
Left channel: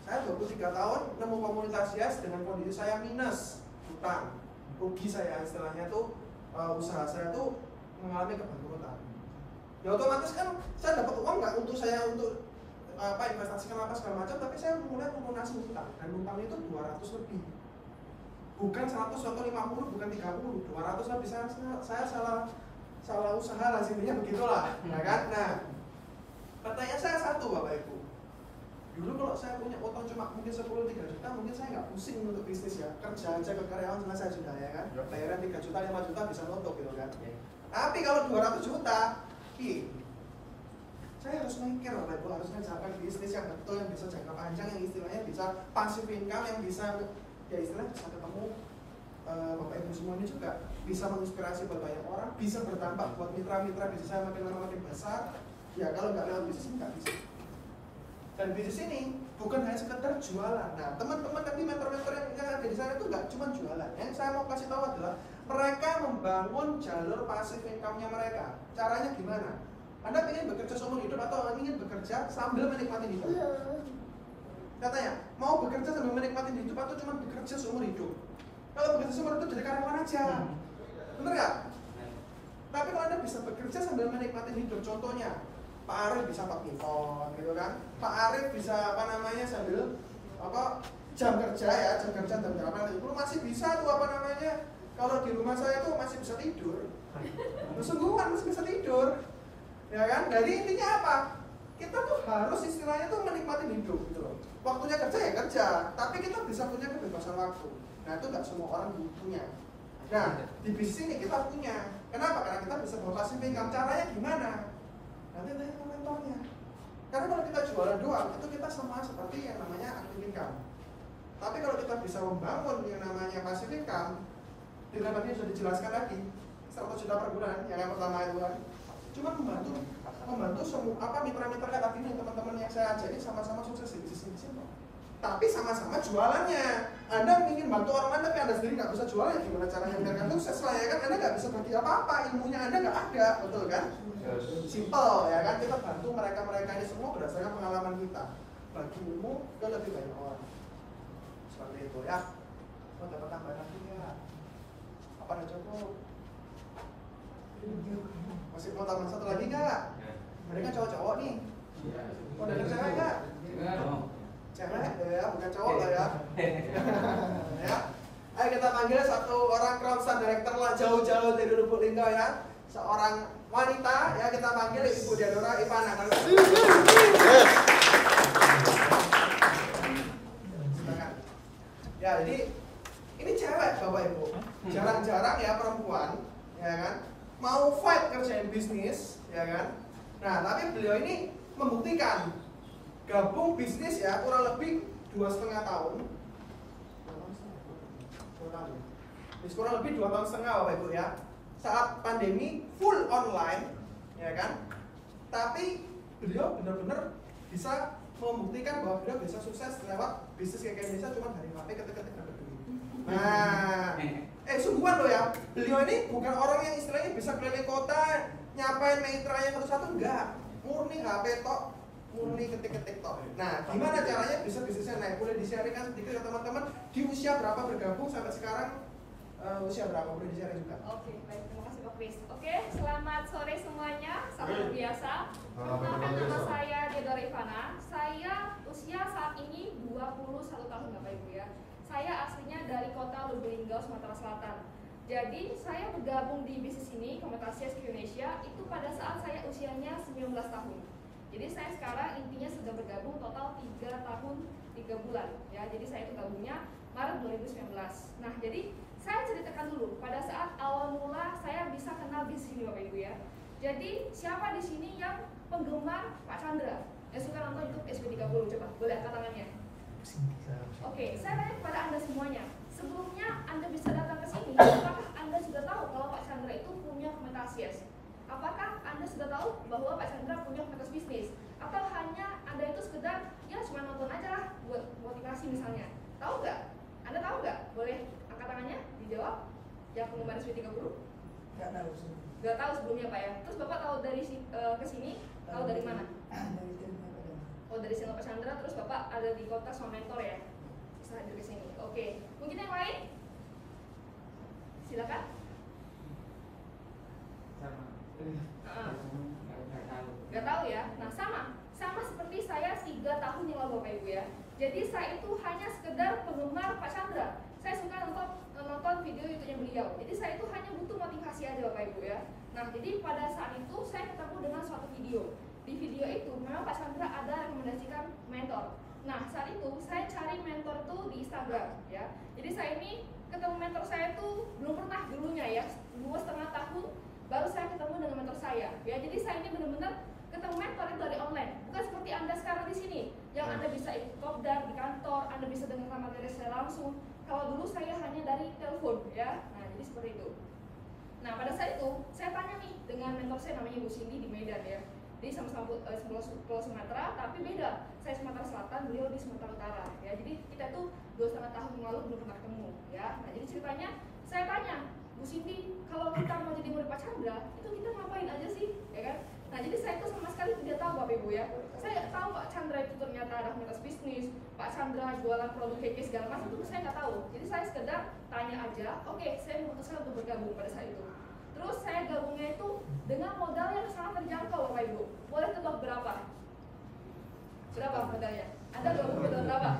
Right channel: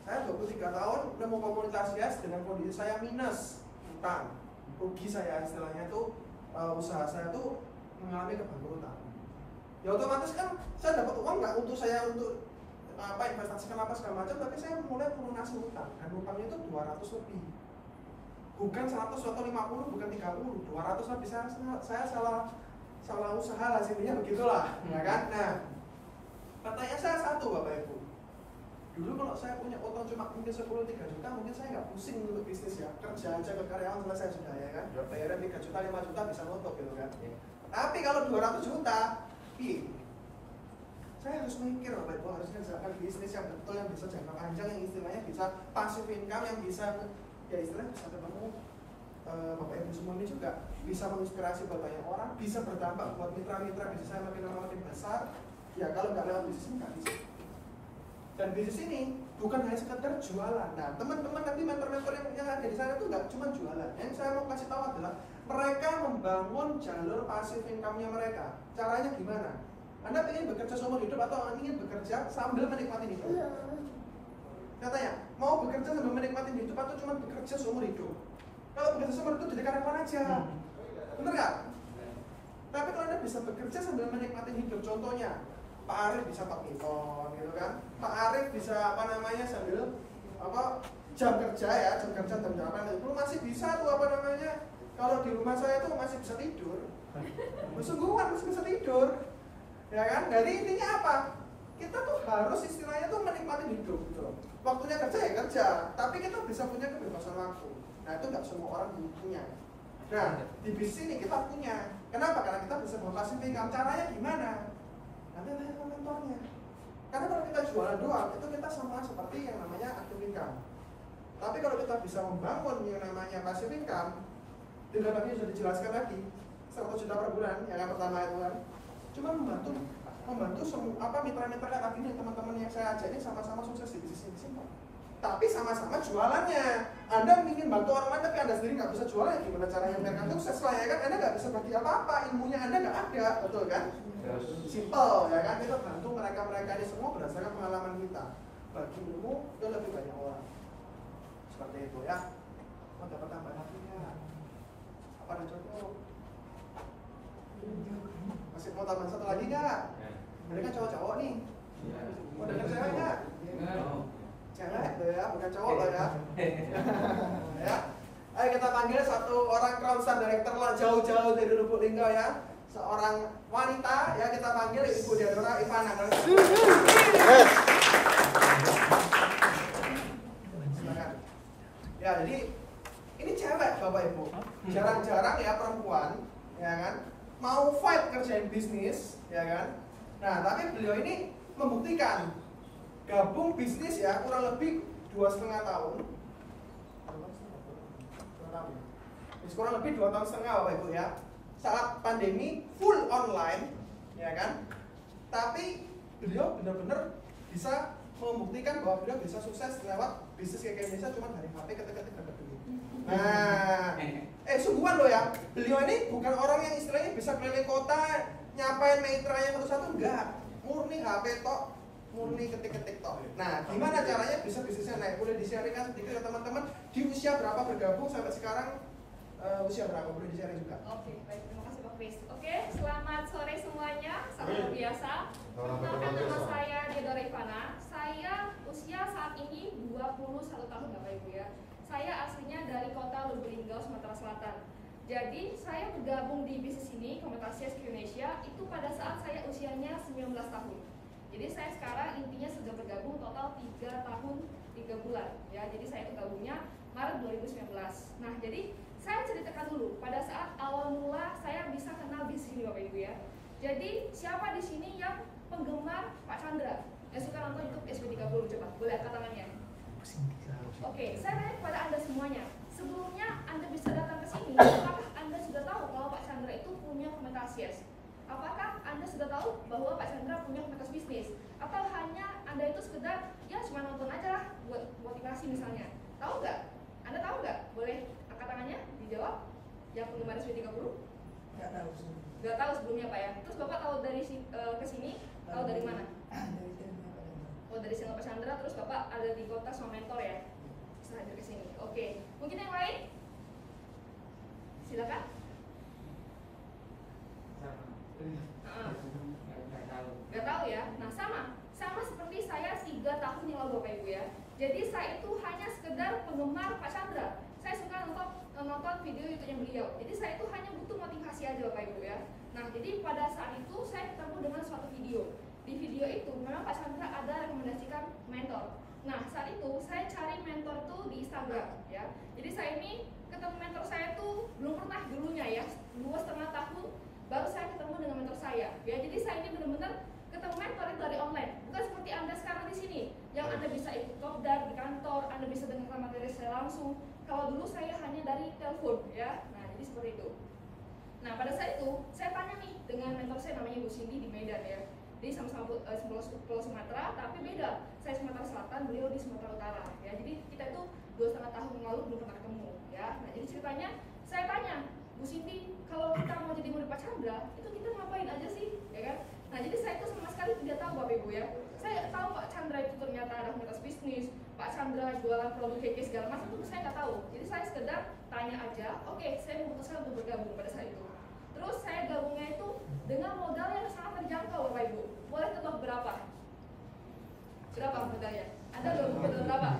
Saya 23 tahun nemu komunitas Yes dengan kondisi saya minus utang, rugi saya istilahnya tuh usaha saya tuh mengalami kebangkrutan. Ya otomatis kan saya dapat uang nggak untuk saya untuk investasikan apa segala macam, tapi saya mulai melunasi utang dan utangnya itu 200 lebih, bukan 100 atau 50, bukan 30, 200 lebih. Saya salah usaha lah sini ya begitulah, ya kan? Nah, pertanyaan saya satu Bapak Ibu. Dulu kalau saya punya utang cuma mungkin 10-3 juta, mungkin saya nggak pusing untuk bisnis ya. Kerjaan saya ke karyawan selesai sudah ya kan. Bayaran 3 juta, 5 juta bisa nutup gitu kan. Tapi kalau 200 juta, saya harus mikir Bapak Ibu, harus menjalankan bisnis yang betul, yang bisa jangka panjang, yang istilahnya bisa passive income, yang bisa ya istilahnya bisa ketemu Bapak Ibu semua ini juga bisa menginspirasi banyak orang, bisa berdampak buat mitra-mitra bisnis saya makin lama makin besar. Ya kalau nggak lewat bisnis ini nggak bisa. Dan bisnis ini bukan hanya sekedar jualan. Nah, teman-teman nanti mentor-mentor yang ada di sana itu nggak cuma jualan. Yang saya mau kasih tahu adalah mereka membangun jalur passive income-nya mereka. Caranya gimana? Anda ingin bekerja seumur hidup atau ingin bekerja sambil menikmati hidup? Katanya, mau bekerja sambil menikmati hidup atau cuma bekerja seumur hidup? Kalau bekerja seumur hidup jadi karyawan aja. Bener nggak? Tapi kalau Anda bisa bekerja sambil menikmati hidup, contohnya Pak Arif bisa badminton gitu kan. Pak Arif bisa sambil jam kerja ya, jam kerja jam 8 itu masih bisa tuh kalau di rumah saya tuh masih bisa tidur. Sungguhan masih bisa tidur. Ya kan? Jadi intinya apa? Kita tuh harus istilahnya tuh menikmati hidup gitu loh. Waktunya kerja ya kerja, tapi kita bisa punya kebebasan waktu. Nah, itu nggak semua orang punya. Nah, di bisnis ini kita punya. Kenapa? Karena kita bisa bawa passive income. Caranya gimana? Nanti tanya sama mentornya. Karena kalau kita jualan doang, itu kita sama seperti yang namanya active income. Tapi kalau kita bisa membangun yang namanya passive income, dengan tadi sudah dijelaskan lagi, 100 juta per bulan, yang pertama itu kan, cuma membantu semua mitra-mitra kayak tadi nih, teman-teman yang saya ajak ini sama-sama sukses di bisnis ini. Tapi sama-sama jualannya. Anda ingin bantu orang lain tapi Anda sendiri nggak bisa jualan, ya gimana caranya biar Anda sukses lah ya kan? Anda nggak bisa bagi apa-apa, ilmunya Anda nggak ada, betul kan? Simple ya kan? Kita bantu mereka ini semua berdasarkan pengalaman kita. Bagi ilmu ke lebih banyak orang. Seperti itu ya. Mau dapat tambahan lagi ya? Apa ada cukup? Masih mau tambahan satu lagi nggak? Mereka kan cowok-cowok nih. Mau dengar cewek nggak? Cewek ya, bukan cowok lah ya. Ya. Ayo kita panggil satu orang Crownsan Director lah, jauh-jauh dari Lubuk Linggau ya. Seorang wanita ya, kita panggil Ibu Diadora Ivana. Ya, jadi ini cewek Bapak Ibu. Jarang-jarang ya perempuan, ya kan? Mau fight kerjain bisnis, ya kan? Nah, tapi beliau ini membuktikan gabung bisnis ya kurang lebih 2,5 tahun. Kurang lebih 2,5 tahun Bapak Ibu ya. Saat pandemi full online, ya kan? Tapi beliau benar-benar bisa membuktikan bahwa beliau bisa sukses lewat bisnis kayak Indonesia cuma dari HP ketik-ketik dapat duit. Nah, sungguhan loh ya. Beliau ini bukan orang yang istilahnya bisa keliling kota nyapain mitranya satu-satu, enggak. Murni HP tok, murni ketik-ketik tok. Nah, gimana caranya bisa bisnisnya naik? Boleh di-sharingkan sedikit ya teman-teman. Di usia berapa bergabung sampai sekarang? Usia berapa? Boleh di-sharing juga. Oke, baik, terima kasih Pak Kris. Oke, selamat sore semuanya. Salam luar biasa. Perkenalkan nama saya Diadora Ivana. Saya usia saat ini 21 tahun Bapak Ibu ya. Saya aslinya dari kota Lubuk Linggau, Sumatera Selatan. Jadi saya bergabung di bisnis ini, Komunitas Indonesia, itu pada saat saya usianya 19 tahun. Jadi saya sekarang intinya sudah bergabung total 3 tahun 3 bulan ya. Jadi saya itu gabungnya Maret 2019. Nah, jadi saya ceritakan dulu pada saat awal mula saya bisa kenal bisnis ini Bapak Ibu ya. Jadi siapa di sini yang penggemar Pak Chandra? Yang suka nonton YouTube SB30, coba boleh angkat tangannya. Oke, saya tanya kepada Anda semuanya. Sebelumnya Anda bisa datang ke sini, apakah Anda sudah tahu kalau Pak Chandra itu punya komunitas Yes? Apakah Anda sudah tahu bahwa Pak Chandra punya komunitas bisnis? Atau hanya Anda itu sekedar ya cuma nonton aja lah buat motivasi misalnya? Tahu nggak? Anda tahu nggak? Boleh angkat tangannya, dijawab. Yang penggemar SB30? Nggak tahu sih. Nggak tahu sebelumnya Pak ya. Terus Bapak tahu dari ke sini? Tahu dari mana? Dari channelnya Pak Chandra. Oh, dari channel Pak Chandra. Terus Bapak ada di kota sama mentor ya? Bisa hadir ke sini. Oke. Mungkin yang lain? Silakan. Gak tahu ya. Nah, sama seperti saya 3 tahun yang lalu Bapak Ibu ya. Jadi saya itu hanya sekedar penggemar Pak Chandra. Saya suka nonton video YouTube-nya beliau. Jadi saya itu hanya butuh motivasi aja Bapak Ibu ya. Nah, jadi pada saat itu saya ketemu dengan suatu video. Di video itu memang Pak Chandra ada rekomendasikan mentor. Nah, saat itu saya cari mentor tuh di Instagram ya. Jadi saya ini ketemu mentor saya tuh belum pernah dulunya ya. 2,5 tahun baru saya ketemu dengan mentor saya ya. Jadi saya ini benar-benar ketemu mentor itu dari online, bukan seperti Anda sekarang di sini yang Anda bisa ikut kopdar di kantor, Anda bisa dengar materi saya langsung. Kalau dulu saya hanya dari telepon ya. Nah, jadi seperti itu. Nah, pada saat itu saya tanya nih dengan mentor saya namanya Bu Cindy di Medan ya. Jadi sama-sama Pulau Sumatera, tapi beda. Saya Sumatera Selatan, beliau di Sumatera Utara ya. Jadi kita itu 2,5 tahun yang lalu belum pernah ketemu ya. Nah, jadi ceritanya saya tanya, Bu Cindy, kalau kita mau jadi murid Pak Chandra, itu kita ngapain aja sih, ya kan? Nah, jadi saya itu sama sekali tidak tahu Bapak Ibu ya. Saya tahu Pak Chandra itu ternyata ada komunitas bisnis, Pak Chandra jualan produk keke segala macam itu saya nggak tahu. Jadi saya sekedar tanya aja, oke, saya memutuskan untuk bergabung pada saat itu. Terus saya gabungnya itu dengan modal yang sangat terjangkau Bapak Ibu. Boleh tebak berapa? Berapa modalnya? Anda gabung modal berapa?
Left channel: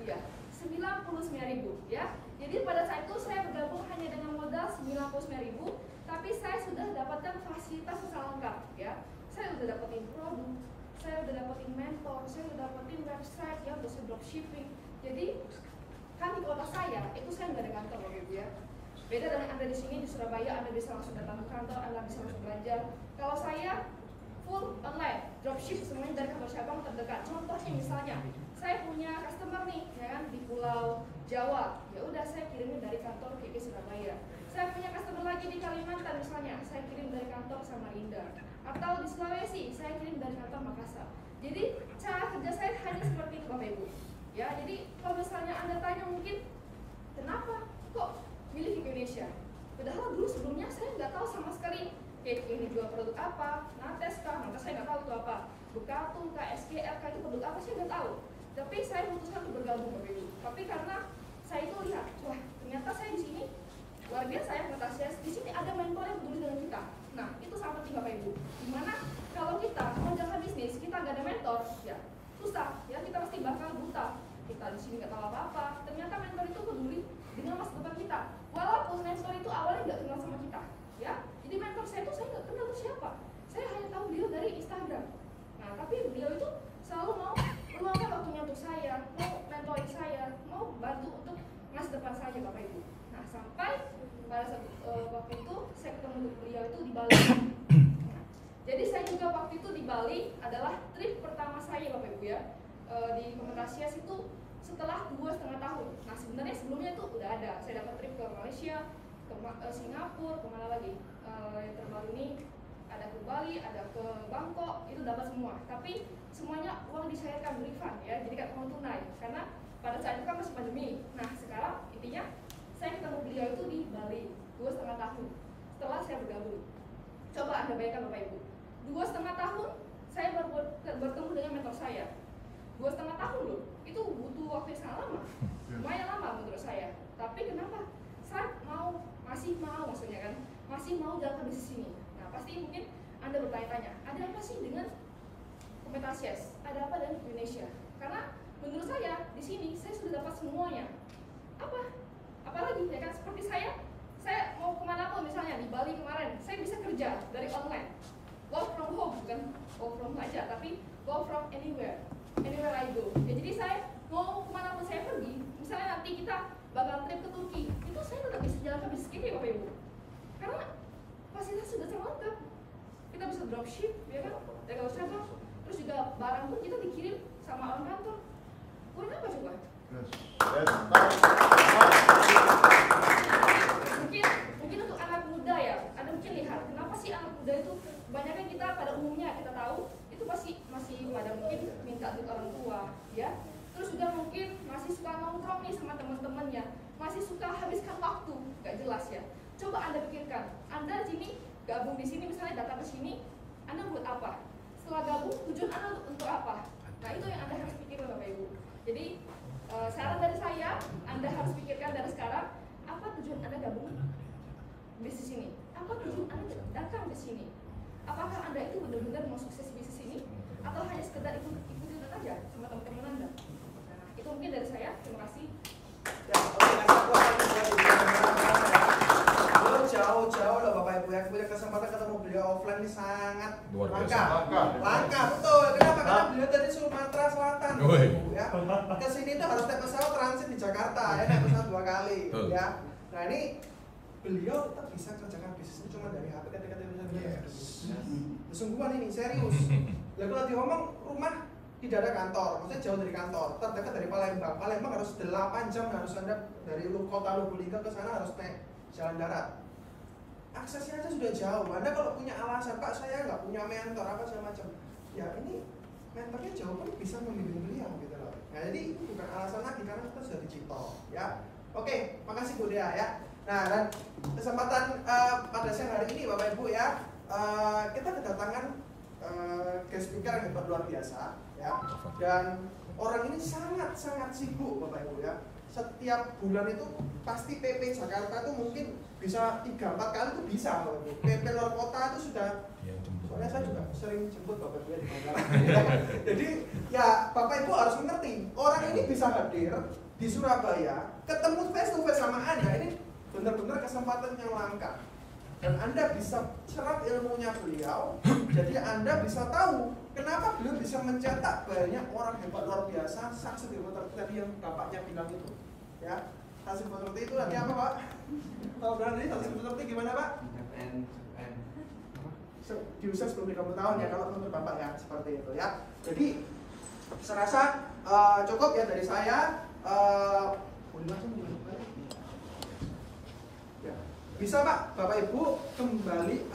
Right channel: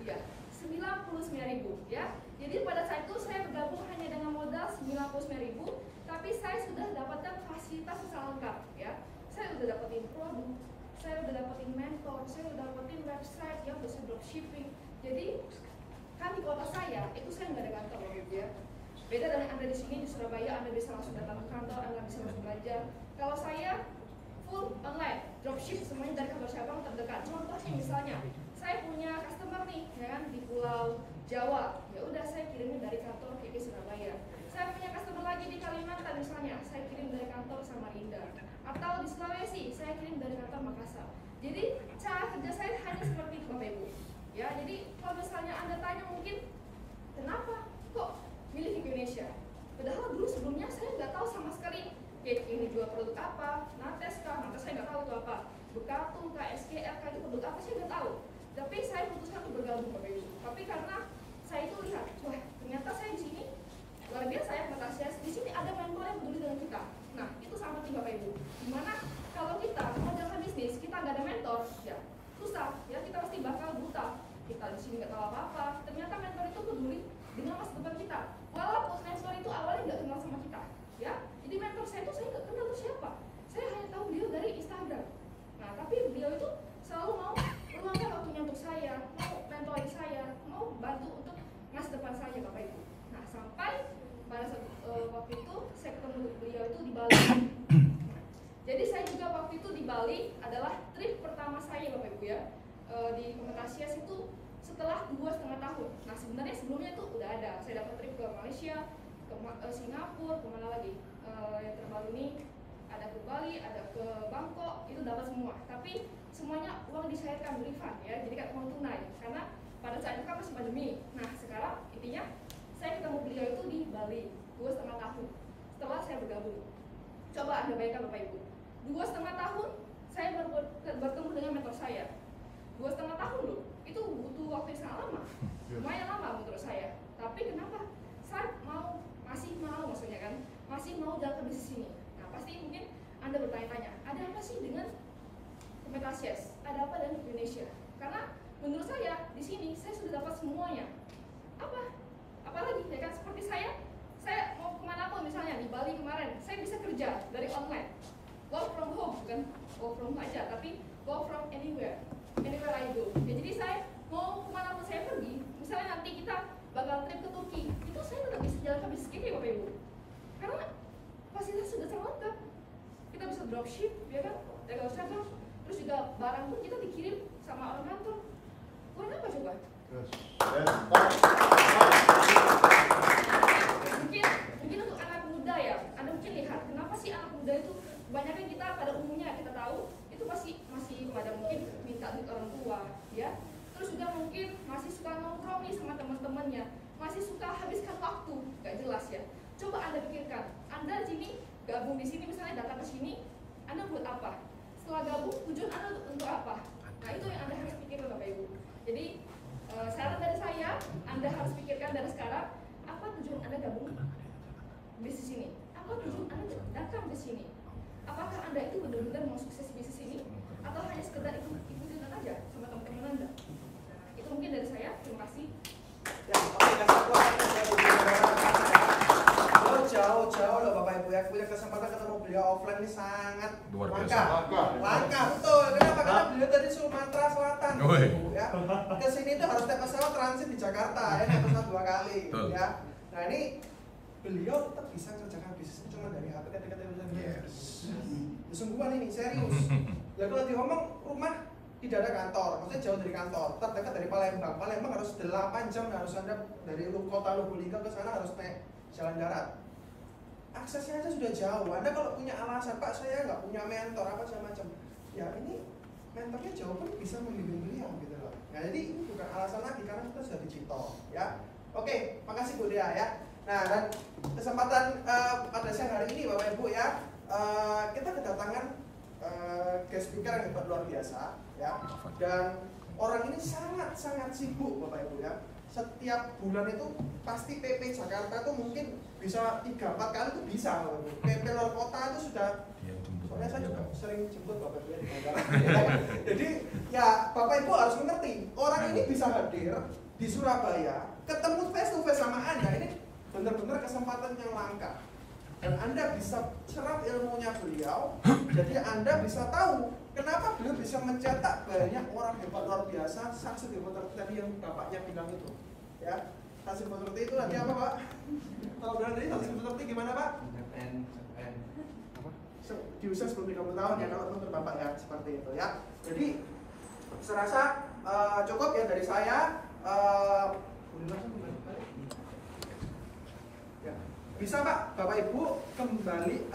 Iya, 99.000 ya. Jadi pada saat itu saya bergabung hanya dengan modal 99.000, tapi saya sudah dapatkan fasilitas yang lengkap ya. Saya sudah dapetin produk, saya sudah dapetin mentor, saya sudah dapetin website yang bisa dropshipping. Jadi kan di kota saya itu saya nggak ada kantor Bapak Ibu ya. Beda dengan Anda di sini di Surabaya, Anda bisa langsung datang ke kantor, Anda bisa langsung belajar. Kalau saya full online, dropship semuanya dari kantor cabang terdekat. Contohnya misalnya, saya punya customer nih, ya kan, di Pulau Jawa. Ya udah saya kirimnya dari kantor KP Surabaya. Saya punya customer lagi di Kalimantan misalnya, saya kirim dari kantor Samarinda. Atau di Sulawesi, saya kirim dari kantor Makassar. Jadi cara kerja saya hanya seperti itu Bapak Ibu. Ya, jadi kalau misalnya Anda tanya mungkin kenapa kok milih KP Indonesia? Padahal dulu sebelumnya saya nggak tahu sama sekali KP ini jual produk apa, Nates kah, Nates saya nggak tahu itu apa, Bekatu kah, SKR kah, itu produk apa saya nggak tahu. Tapi saya memutuskan untuk bergabung Bapak Ibu. Tapi karena saya itu lihat, wah ternyata saya di sini luar biasa ya Komunitas. Di sini ada mentor yang peduli dengan kita. Nah itu sangat penting Bapak Ibu. Dimana kalau kita mau jalan bisnis, kita nggak ada mentor, ya susah. Ya kita pasti bakal buta. Kita di sini nggak tahu apa-apa. Ternyata mentor itu peduli dengan masa depan kita. Walaupun mentor itu awalnya nggak kenal sama kita, ya. Jadi mentor saya itu saya nggak kenal itu siapa. Saya hanya tahu beliau dari Instagram. Nah tapi beliau itu selalu mau meluangkan waktunya untuk saya, mau mentoring saya, mau bantu untuk masa depan saya Bapak Ibu. Nah sampai pada saat waktu itu saya ketemu beliau itu di Bali. Nah, jadi saya juga waktu itu di Bali adalah trip pertama saya Bapak Ibu ya. Di Komunitas itu setelah 2,5 tahun. Nah sebenarnya sebelumnya itu udah ada. Saya dapat trip ke Malaysia, ke Singapura, kemana lagi? Yang terbaru ini ada ke Bali, ada ke Bangkok, itu dapat semua. Tapi semuanya uang dicairkan refund ya, jadi kan uang tunai. Karena pada saat itu kan masih pandemi. Nah sekarang intinya saya ketemu beliau itu di Bali 2,5 tahun setelah saya bergabung. Coba Anda bayangkan Bapak Ibu, 2,5 tahun saya baru bertemu dengan mentor saya. 2,5 tahun loh, itu butuh waktu yang sangat lama, lumayan lama menurut saya. Tapi kenapa? Saya masih mau maksudnya kan, masih mau jalan bisnis ini. Nah pasti mungkin Anda bertanya-tanya, ada apa sih dengan Komunitas? Ada apa dengan Indonesia? Karena menurut saya di sini saya sudah dapat semuanya. Apa Apalagi ya kan seperti saya mau kemana pun, misalnya di Bali kemarin, saya bisa kerja dari online, work from home, bukan work from home aja, tapi work from anywhere I go. Ya, jadi saya mau kemana pun saya pergi, misalnya nanti kita bakal trip ke Turki, itu saya tetap bisa jalan kaki sendiri Bapak Ibu, karena fasilitas sudah terlengkap. Kita bisa dropship, ya kan, legal travel, terus juga barang pun kita dikirim sama orang kantor. Kurang apa coba? Mungkin untuk anak muda ya, Anda mungkin lihat kenapa sih anak muda itu kebanyakan kita pada umumnya kita tahu itu pasti masih pada mungkin minta duit orang tua, ya. Terus juga mungkin masih suka nongkrong nih sama teman-temannya, masih suka habiskan waktu, gak jelas ya. Coba Anda pikirkan, Anda sini gabung di sini misalnya datang ke sini, Anda buat apa? Setelah gabung tujuan Anda untuk apa? Nah itu yang Anda harus pikirkan Bapak Ibu. Jadi saran dari saya, Anda harus pikirkan dari sekarang apa tujuan Anda gabung bisnis ini? Apa tujuan Anda datang ke sini? Apakah Anda itu benar-benar mau sukses bisnis ini atau hanya sekedar ikutin aja sama teman-teman Anda? Nah, itu mungkin dari saya. Terima kasih. Ya, oke, kasih aku akan jauh-jauh loh Bapak Ibu ya, punya kesempatan ketemu beliau offline ini sangat Luar biasa. langka, betul. Kenapa? Karena beliau dari Sumatera Selatan, Oi. Bapak Ibu ya. Kesini tuh harus naik pesawat transit di Jakarta, ya naik pesawat 2 kali, Betul. ya. Nah ini beliau tetap bisa kerjakan bisnis cuma dari HP ketika bisa sungguhan ini serius. Ya kalau diomong rumah tidak ada kantor, maksudnya jauh dari kantor, terdekat dari Palembang. Palembang harus 8 jam, harus Anda dari kota Lubulingga ke sana harus naik jalan darat. Aksesnya aja sudah jauh. Anda kalau punya alasan, Pak saya nggak punya mentor apa segala macam, ya ini mentornya jauh pun bisa membimbing beliau gitu loh. Nah jadi ini bukan alasan lagi karena kita sudah digital, ya. Oke, makasih Bu Dea ya. Nah dan kesempatan pada siang hari ini Bapak Ibu ya, kita kedatangan guest speaker yang hebat luar biasa ya. Dan orang ini sangat sibuk Bapak Ibu ya. Setiap bulan itu pasti PP Jakarta itu mungkin bisa 3-4 kali itu bisa Bapak Ibu. PP luar kota itu sudah, soalnya saya juga sering jemput Bapak Ibu ya di bandara. Jadi ya Bapak Ibu harus mengerti, orang ini bisa hadir di Surabaya, ketemu face to face sama Anda, ini benar-benar kesempatan yang langka. Dan Anda bisa serap ilmunya beliau, jadi Anda bisa tahu kenapa beliau bisa mencetak banyak orang hebat luar biasa, saksi tadi yang Bapaknya bilang itu, ya. Hasil seperti itu nanti apa Pak? Tahu berarti hasil seperti gimana Pak? Diusaha sebelum 30 tahun ya kalau menurut Bapak ya seperti itu ya. Jadi serasa cukup ya dari saya. Boleh langsung ya. Bisa Pak, Bapak Ibu kembali